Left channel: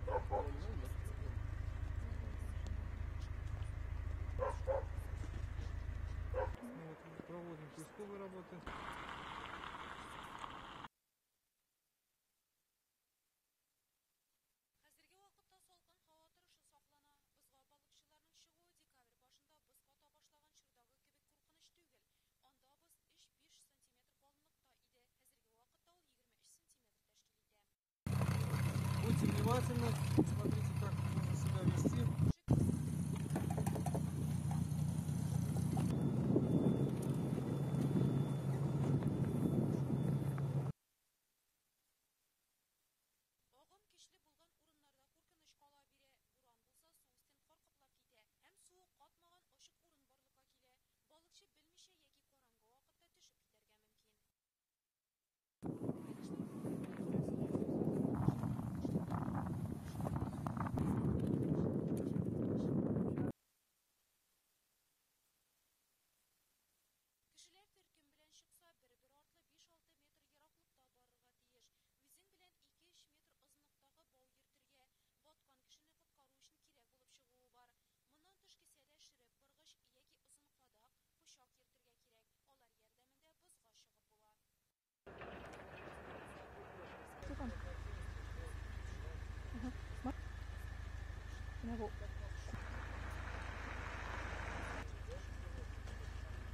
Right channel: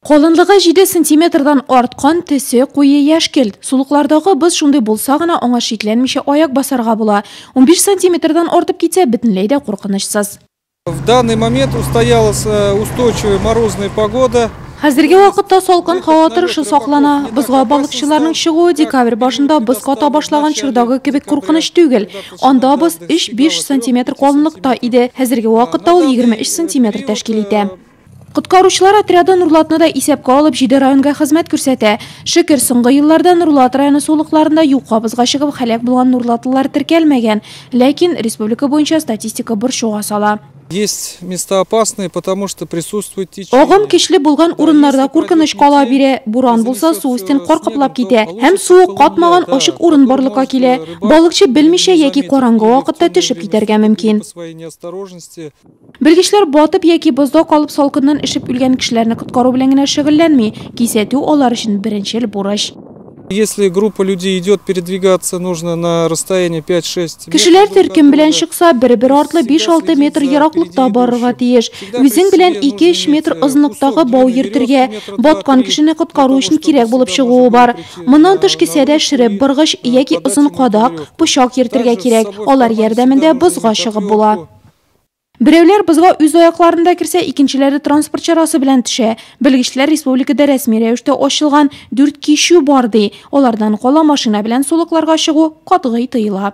Қалыңлығы 7 сантиметрдан артқан тесе қойы яшкел. Сулықлардағы біз шундай болса ғана оңа шекленмеше аяқ басарға була. 15 сантиметрдан артып кетсе бітінлейді қорқынышсыз. В данный момент устоялась устойчивая морозная погода. Хәзірге вақытта салқын һава торышы саклана. Бызга балыкчыларның чыгуы декабрь башында біз ката башлаган чырдагы кебек куркыныч түгел. Анда біз 3-5 сантиметр калынлыкта иде. Хәзірге вакытта ул 23 сантиметр тәшкил итә. Құткаручылар отряды Нурлатны да исәпкә алып 7 районга хезмәт күрсәтә. Шөкер, соңгы елларда Нурлат районы сулыкларында юкка бызга чыгып хәлак булган нурлатлылар теркәлмәгән, ләкин республика буенча статистика борчуга сала. Есть места опасные, потому что присутствует течение. Агым көчле булган урыннарда куркыныч кала бирә. Буран булса су өстен кар каплап китә. Һәм су катмаган ачык урын барлыкка килә. Балыкчы белмичә яки караңгы вакытта төшеп китәргә мөмкин. Белгечләр батып яки бозда калып салкыннан ишеп үлгән кешеләрне коткару белән генә шөгыльләнми. Кисәтү алар өчен беренчел бурыч. Если группа людей идет, передвигаться нужно на расстояние 5-6 метров. Кешеләр төркем белән чыкса, бер-бер артлы 5-6 метр ераклыкта барырга тиеш. Үзең белән 2-3 метр озынлыктагы бау йөртергә, баткан кешене коткару өчен кирәк булып чыгуы бар. Моннан тыш кисәдә ширеп быргыч яки озын кадак, пычак йөртергә кирәк. Алар ярдәмендә бызга чыгып була. Берәүләр бызга үз аякларында кирсә, икенчеләре транспорт чарасы белән төшә. Белгечләр республикада рәсми рәвештә ачылган 4 кишү бар ди. Алардан кала машина белән сулыкларга чыгу катгый тыела.